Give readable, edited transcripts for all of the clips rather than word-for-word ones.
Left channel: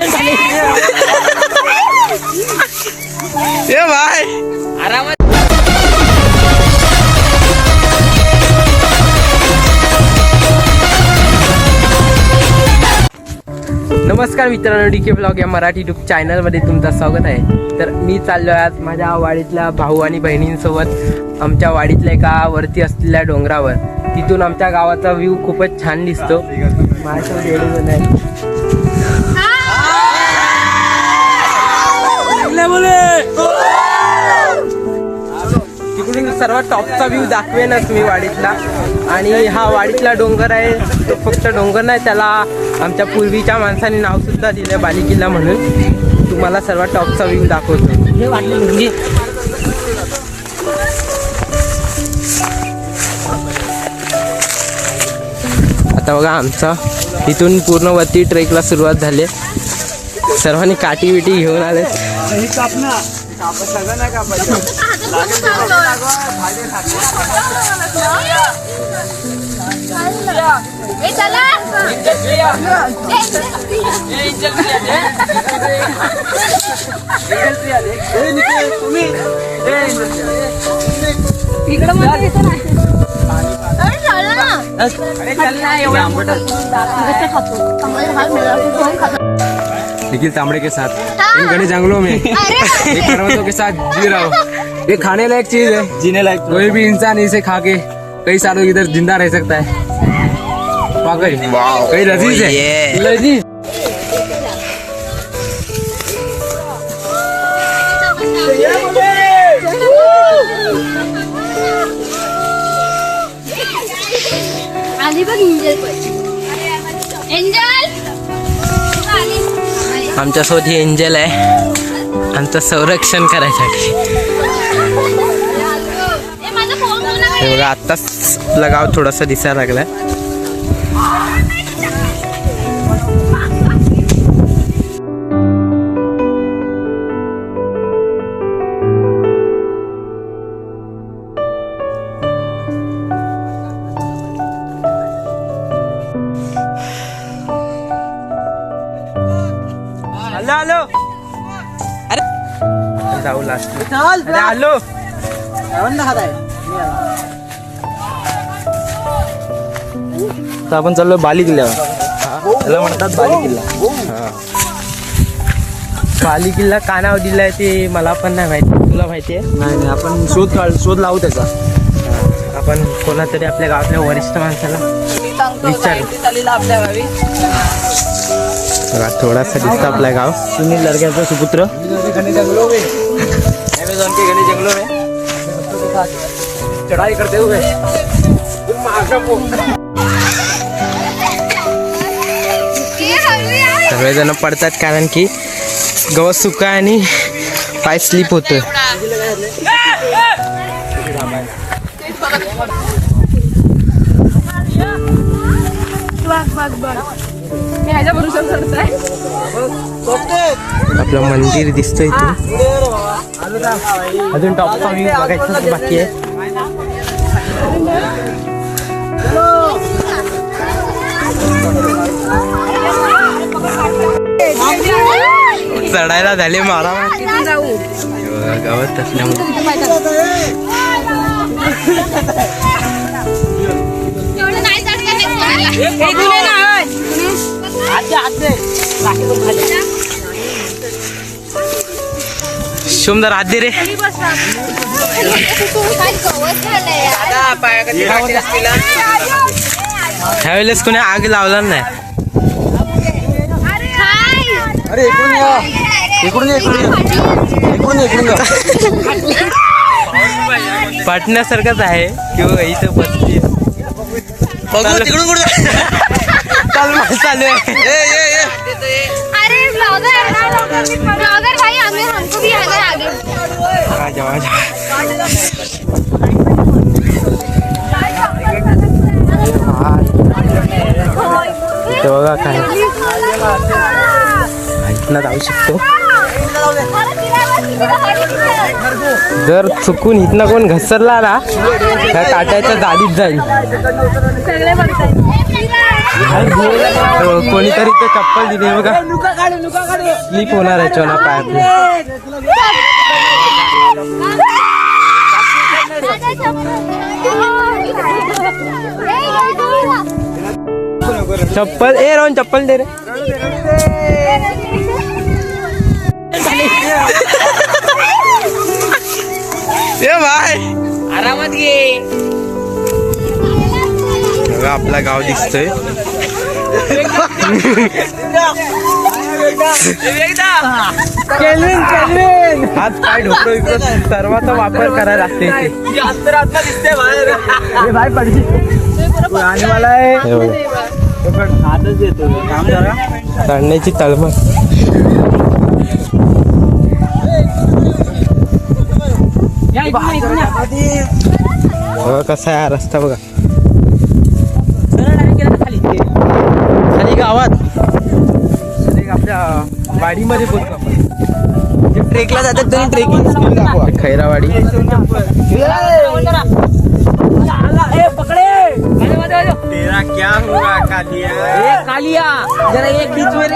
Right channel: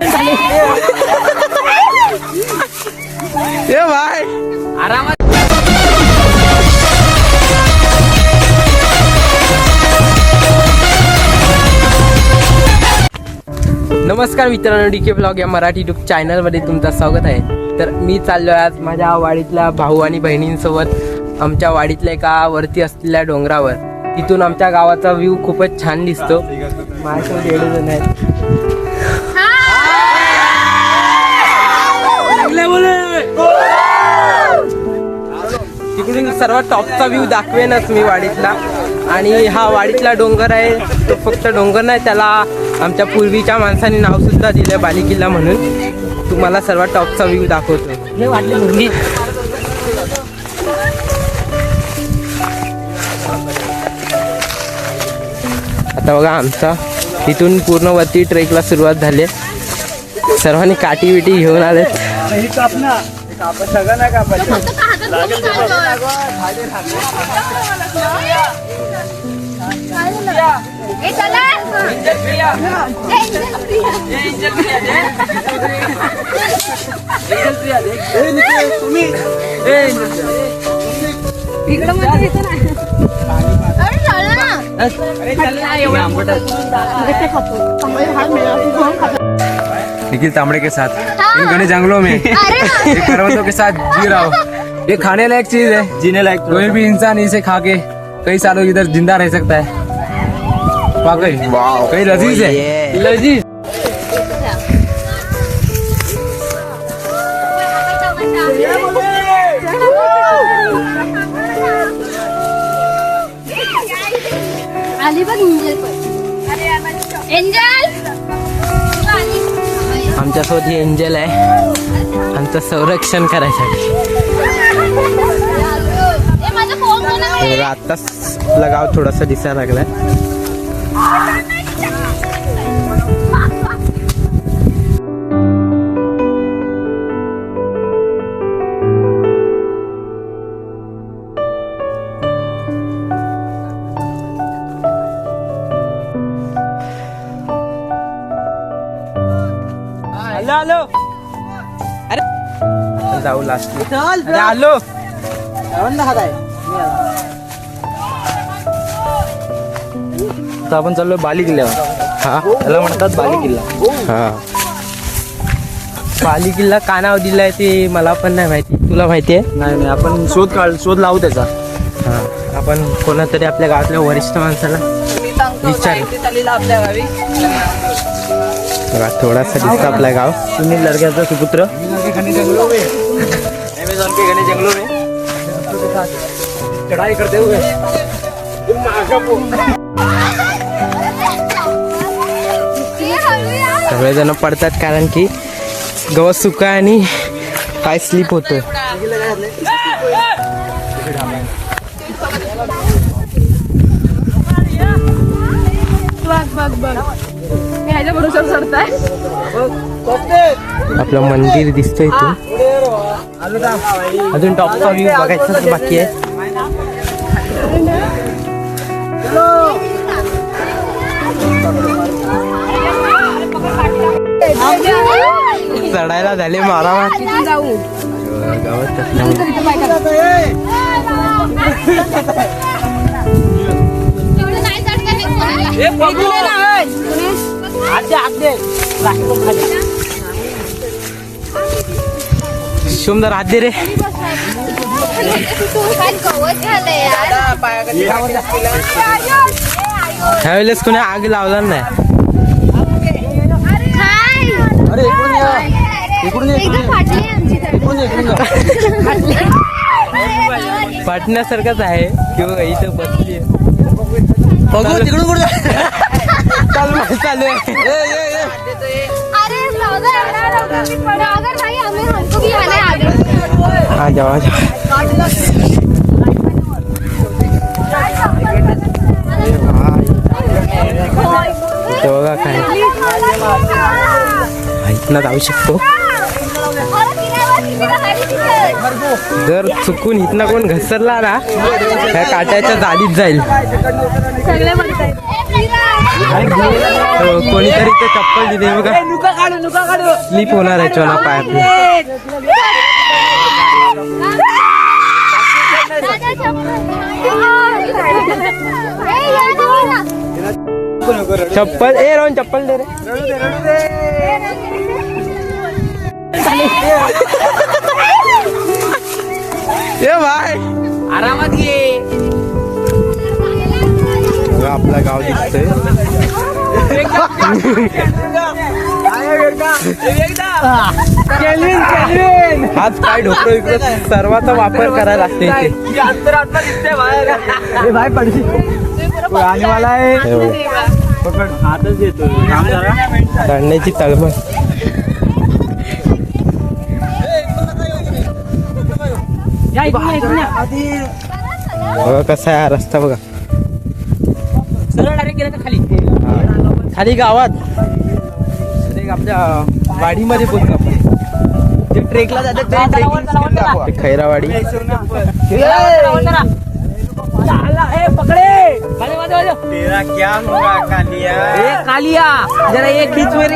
ये भाई नमस्कार मित्रांनो, डीके ब्लॉग या मराठी यूट्यूब चॅनलमध्ये तुमचं स्वागत आहे. तर मी चाललो आहे आज माझ्या वाडीतल्या भाऊ आणि बहिणींसोबत आमच्या वाडीतल्या एका वरती असलेल्या डोंगरावर. तिथून आमच्या गावाचा व्ह्यू खूपच छान दिसतो. माझ्यासोबत एवढे जण आहेत. तिकडून सर्वात टॉपचा व्ह्यू दाखवेनच मी वाडीतला. आणि हा वाडीतला डोंगर आहे तो फक्त डोंगर नाही, त्याला आमच्या पूर्वीच्या माणसांनी नाव सुद्धा दिलं बालेकिल्ला म्हणून. तुम्हाला सर्वात टॉपचा व्ह्यू दाखवतो. हे वाटली मुलगी आता बघा आमचा इथून पूर्ण वरती ट्रेकला सुरुवात झाली. सर्वांनी काठी बिटी घेऊन आले. निखिल तांबड़े के साथ इन घने जंगलों में एक पर्वतों के साथ जी रहा हूँ. ये खाने लायक चीज है, जीने लायक. कोई भी इंसान इसे खा के कई सालों इधर जिंदा रह सकता है. वाकई कई लजीज है, लजीज. आमच्यासोबत ही एंजल आहे आमचं संरक्षण करायसाठी. हे बघा आत्ताच आपलं गाव थोडंसं दिसायला लागलंय. हेलो अरे जाऊ लास्ट. अरे आलो. तर आपण चाललो बाली किल्ल्यावर. त्याला म्हणतात बाली किल्ला. बाली किल्ला का नाव दिलाय ते मला पण नाही माहिती. तुला माहिती आहे? नाही आपण शोध लावू त्याचा. आपण कोणातरी आपल्या गावातल्या वरिष्ठ माणसाला विचारू. थोडासा दिसतं आपलं गाव. तुम्ही लडक्याचा सुपुत्र. चढाई करते हुए सगळेजण पडतात कारण की गवत सुका आणि पाय स्लिप होतोय. आपलं मंदिर दिसतंय इथून. अजून टॉपचा व्ह्यू बघायचाच बाकी आहे. चढायला झाले मारामार. गावात असल्यामुळे सुंदर हात दे रे. ह्यावेळेस कोणी आग लावला नाही. पाटण्यासारखंच आहे किंवा इथं बसली चालू आहे. इथं बघा काय इथनं जाऊ शकतो. जर चुकून इथनं कोण घसरला ना त्या काट्याच्या जालीत जाईल. कोणीतरी ते चप्पल दिली बघा, स्लीप होणार आहे चोना पायात. चप्पल ए रोहन चप्पल दे रे. ए भाई आरामात घे. बघा आपला गाव दिसतोय. हात पाय ढोकरो इकडं सर्वांचा वापर करायला लागते इथे. भाई पडशी आणि मला हातच येतो काम जरा चढण्याची तळमळ. बघा कसा आहे हा रस्ता बघा. खाली गावात आपल्या वाडीमध्ये पोहोचलो आपण. ट्रेकला जातात तरी ट्रेकिंग खैरावाडी. क्या होगा कालिया जरा एक बीच में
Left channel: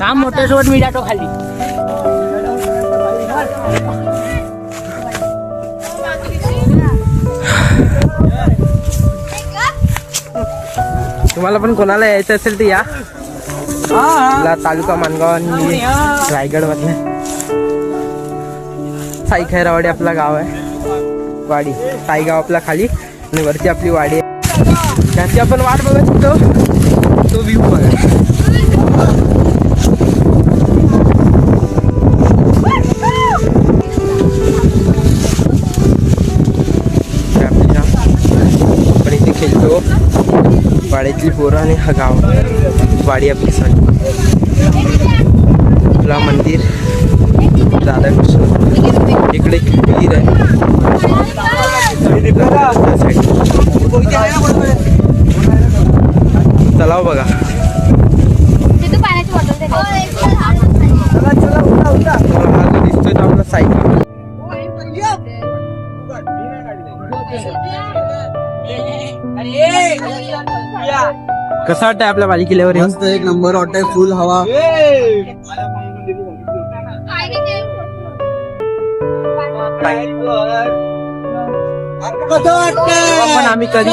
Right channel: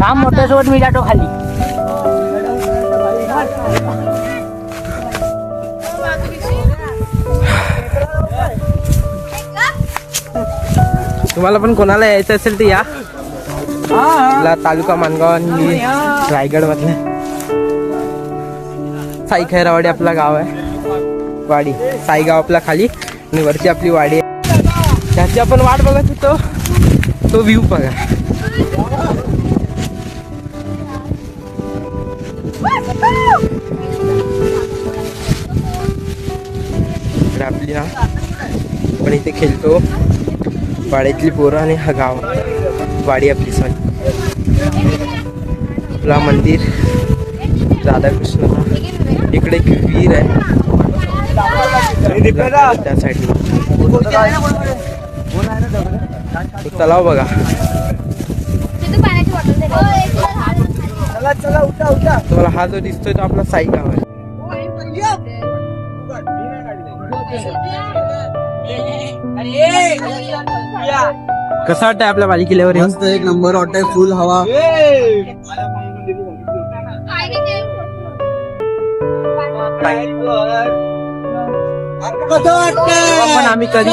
काम मोठे सोड मी जातो खाली. तुम्हाला पण कोणाला यायचं असेल तर या. तालुका मानगाव आणि मी रायगड मधले. साई खैरावाडी आपला गाव आहे. वाडी साईगाव आपला खाली आणि वरती आपली वाडी आहे. त्याची आपण वाट बघत होतो. तो व्ह्यू बघा. आपली ना आपण इथे खेळतो. वाड्यातली पोरं आणि हा गाव वाडी आपली सॉरी. आपला मंदिर राधाकृष्ण. इकडे एक विहीर आहे त्या साईड. तलाव बघा. तुम्हाला हा जो दिसतोय तो आपला साईगाव. कसा वाटतंय आपल्या वाडी किल्ल्यावर? मस्त एक नंबर वाटतंय. फुल हवा. पण आम्ही कधी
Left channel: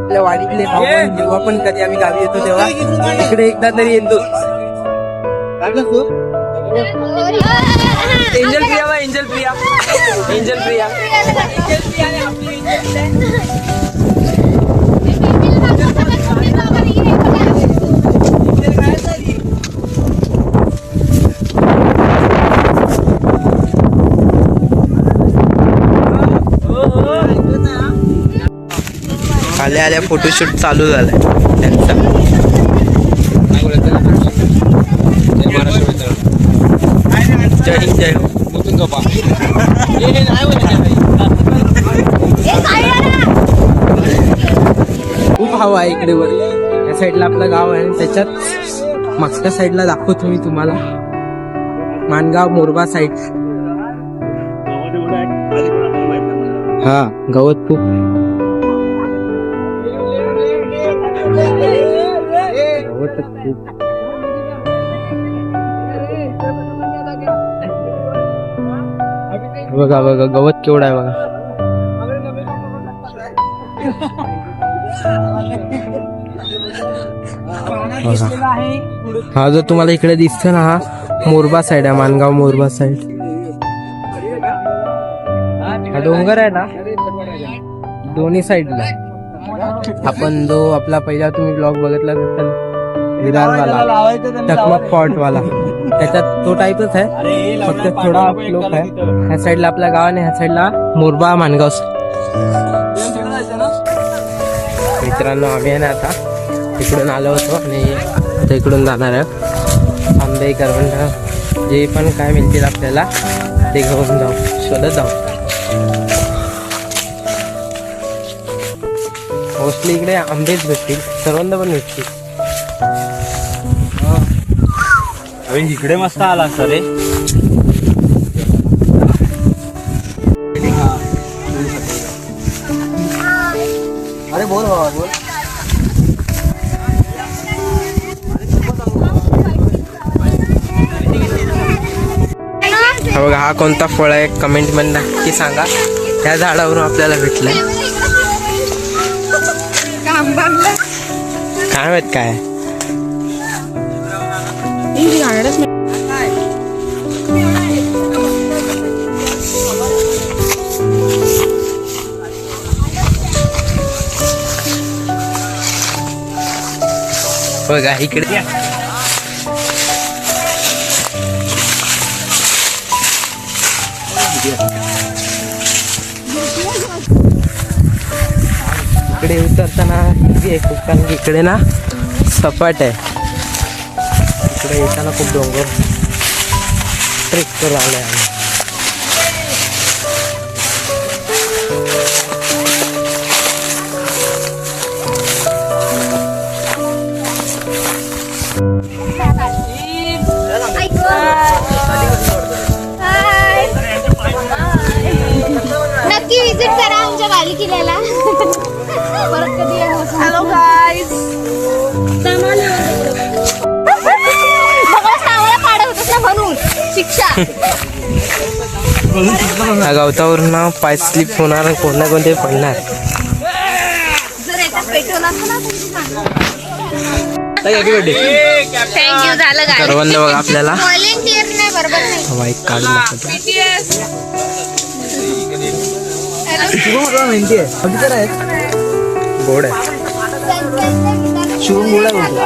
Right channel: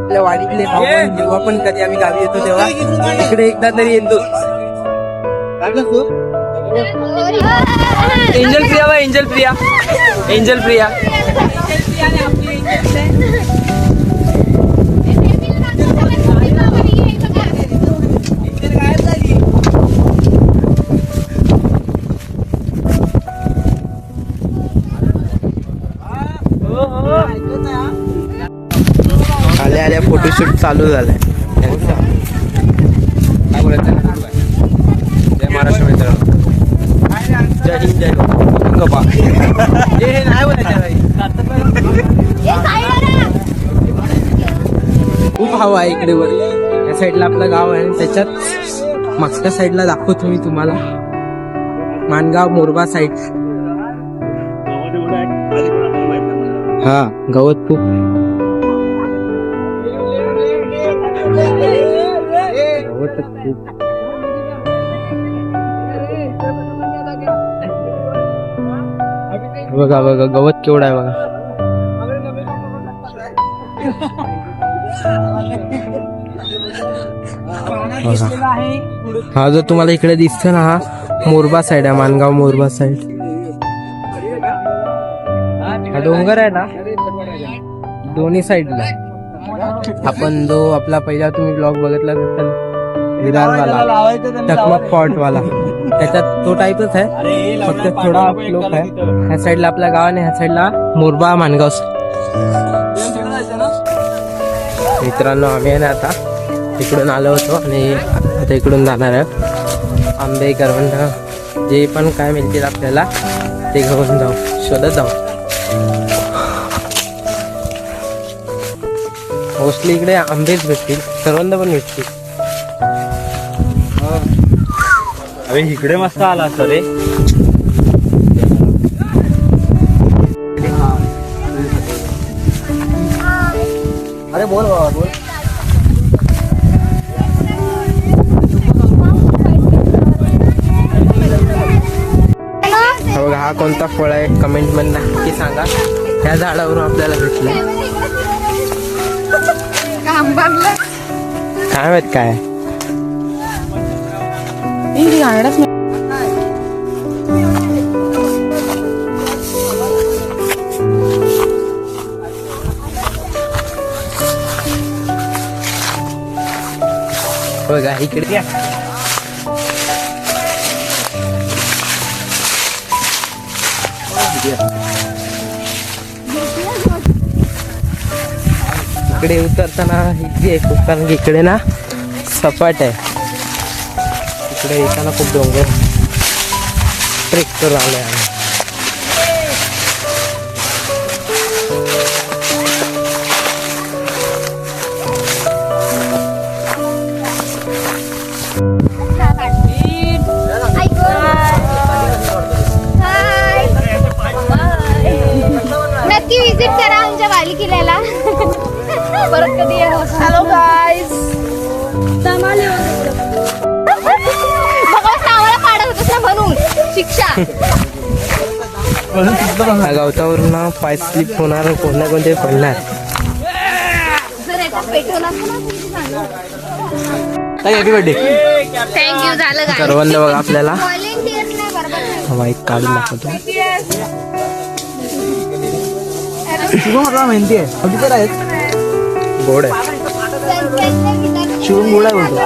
आपल्या वाडीतले जेव्हा पण कधी आम्ही गावी येतो तेव्हा इकडे एकदा तरी येतो. एंजल प्रिया व एंजल प्रिया एंजल प्रिया. आल्या आल्या फोटोशूट चालू झालाय त्यांचा. जय महाराष्ट्र मित्रांनो. जय हिंद जय हो. खूप हवा आहे इकडे वर. या साईडला आपलं गाव आहे आणि त्याच्यात मागच्या साईडला दाखवतो मी तुम्हाला मानगाव मोरबा साईड. हा गवत खूप. बघा बघा गवत केवढा आहे बघा. हा जो तुम्हाला इकडे दिसतो ना हा मोरबा साईड आहे. मानगाव मोरबा साईड. हा डोंगर आहे ना दोन्ही साईडला. आपण जो आपला पहिला तुम्ही ब्लॉग बघितला विरारवाला टकमक फॉर्ट वाला त्याच्यात तो टाईपच आहे. फक्त थोडा लोक आहे. ह्या साईडला आपल्या गाव आणि ह्या साईडला मोरबा मानगाव. मित्रांनो आम्ही आहे ना आता इकडून आलो होतो आणि आता इकडून जाणार आहे आंबे करवंद जे पण काय मिळतील आपल्याला ते घेऊन जाऊ, शोधत जाऊ. मोस्टली इकडे आंबेच भेटतील, करवंद पण भेटतील. अरे इकडे मस्त आला रे. अरे बोल बाबा बोल. हा बघा, हा कोणता फळ आहे कमेंट मध्ये नक्की सांगा. त्या झाडावरून आपल्याला भेटलंय, काय माहित काय. बघा इकडे इकडे उतरताना इझी आहे खूप, कारण की इकडे ना सपाट आहे. इकडे येताना खूप डोंगर ट्रेक करून आलोय आम्ही. नक्की विजिट करा आमच्या वाली किल्ल्याला. परत कधी हॅलो गाईज. म्हणून शिक्षा या गवतावरून ना पाय स्लिप होणार, कोण ना कोणते पडणार. जर याच्यात पेट्रोल असतं ना थँक्यू. झालं काय करवंद बघा आपल्याला व्हॉलेंटियर नाही बरोबर नाही. हवा एक काढून दाखवतो. गोड आहे, शिवून गोड आहे बोलतो.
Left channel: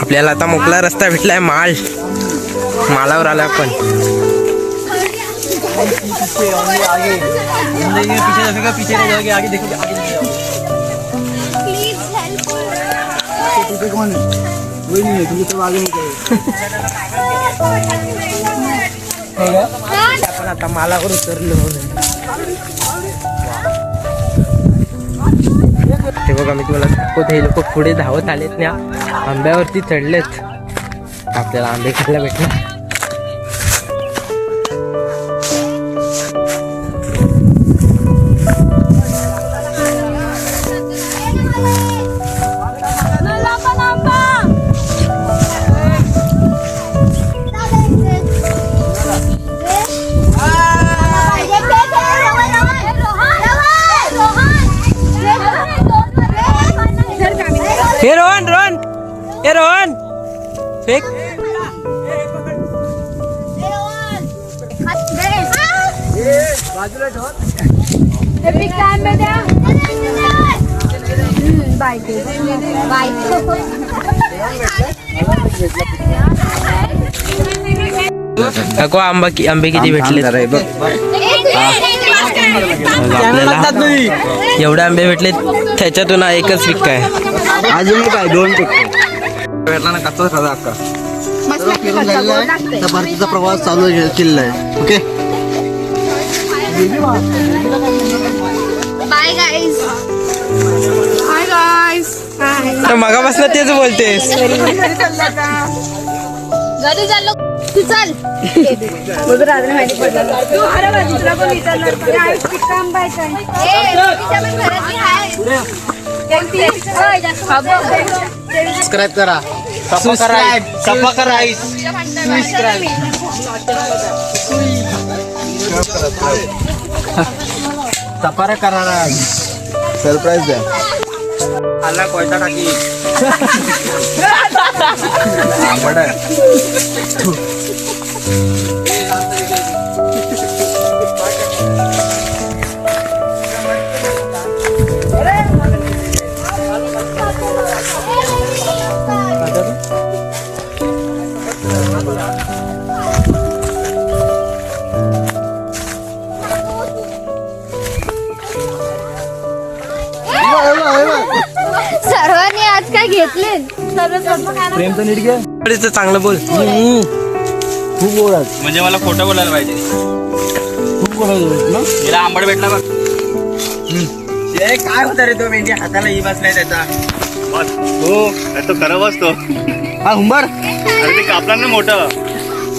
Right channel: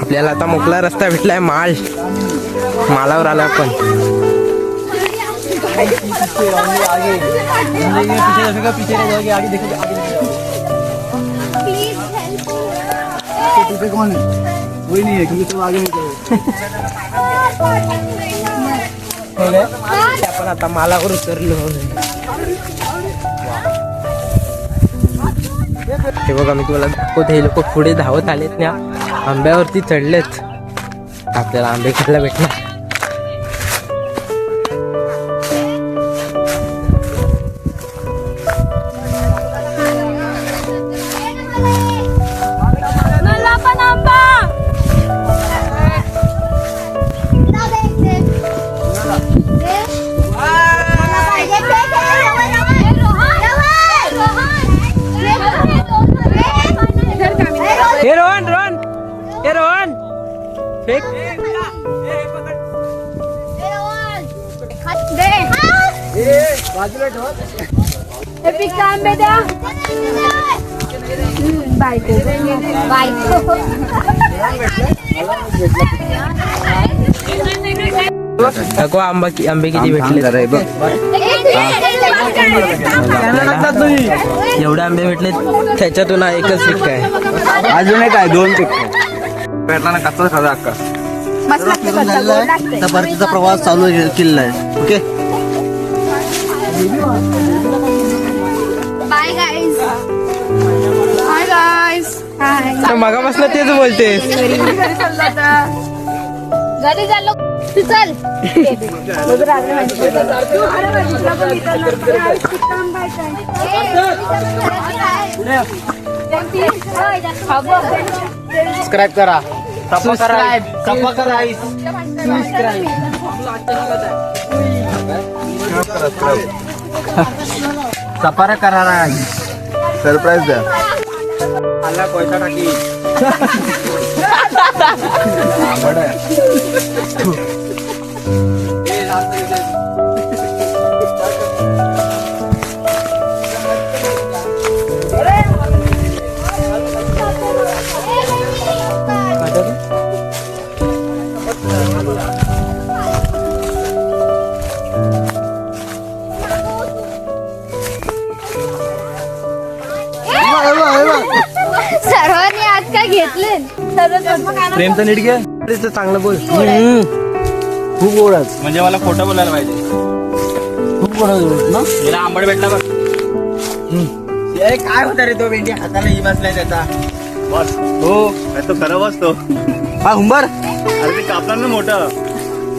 आपल्याला आता मोकळा रस्ता भेटलाय. मालावर आला आपण. आपण आता मालावर उतरलो. हे बघा, मी तुम्हाला दाखवतो. हे लोक पुढे धावत आलेत ना, आंब्यावरती चढलेत. आपल्याला आंबे खायला भेटणार. हे रोहन फेक. बाजूला नको आंबे किती भेटले आपल्याला. एवढे आंबे भेटले, त्याच्यातून एकच पिक आहे. अजून एक आहे, 2 पिक भेटला ना. कच्चा खाजा अक्का झालेला आहे. त्या भारतीचा प्रवास चालू केलेला आहे. Okay, bye guys. Bye guys. मगापासून तेच बोलतेस. घरी चाललो तू, चल. सबस्क्राईब करा. सफार करा. सरप्राईज द्या. प्रेम तर नीट घे. चांगलं बोल. खूप गोड आहेत. म्हणजे मला खोटं बोलायला पाहिजे. खूप गोड आहेत ना. मला आंबट भेटला बघ. काय होता रे तो भेंडी हाताला ही बसलाय त्याचा. हो तो खराब असतो. हा हुंबर अरे ते कापणार ना मोठं.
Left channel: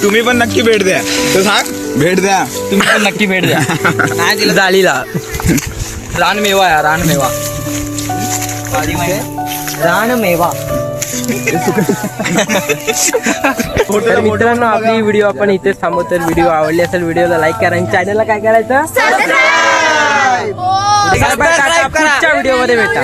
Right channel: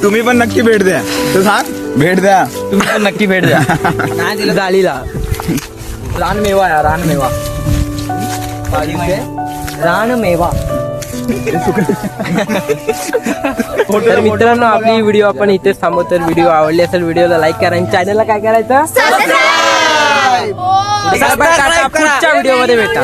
तुम्ही पण नक्की भेट द्या. तू सांग भेट द्या. तुम्ही पण नक्की भेट द्या. नाही दिलं जाळीला रानमेवा आहे रानमेवा. रानमेवा. तर मित्रांनो आपली व्हिडिओ आपण इथेच थांबवतो. तर व्हिडिओ आवडली असेल व्हिडिओला लाईक करा आणि चॅनलला काय करायचं. पुढच्या व्हिडिओ मध्ये भेटा.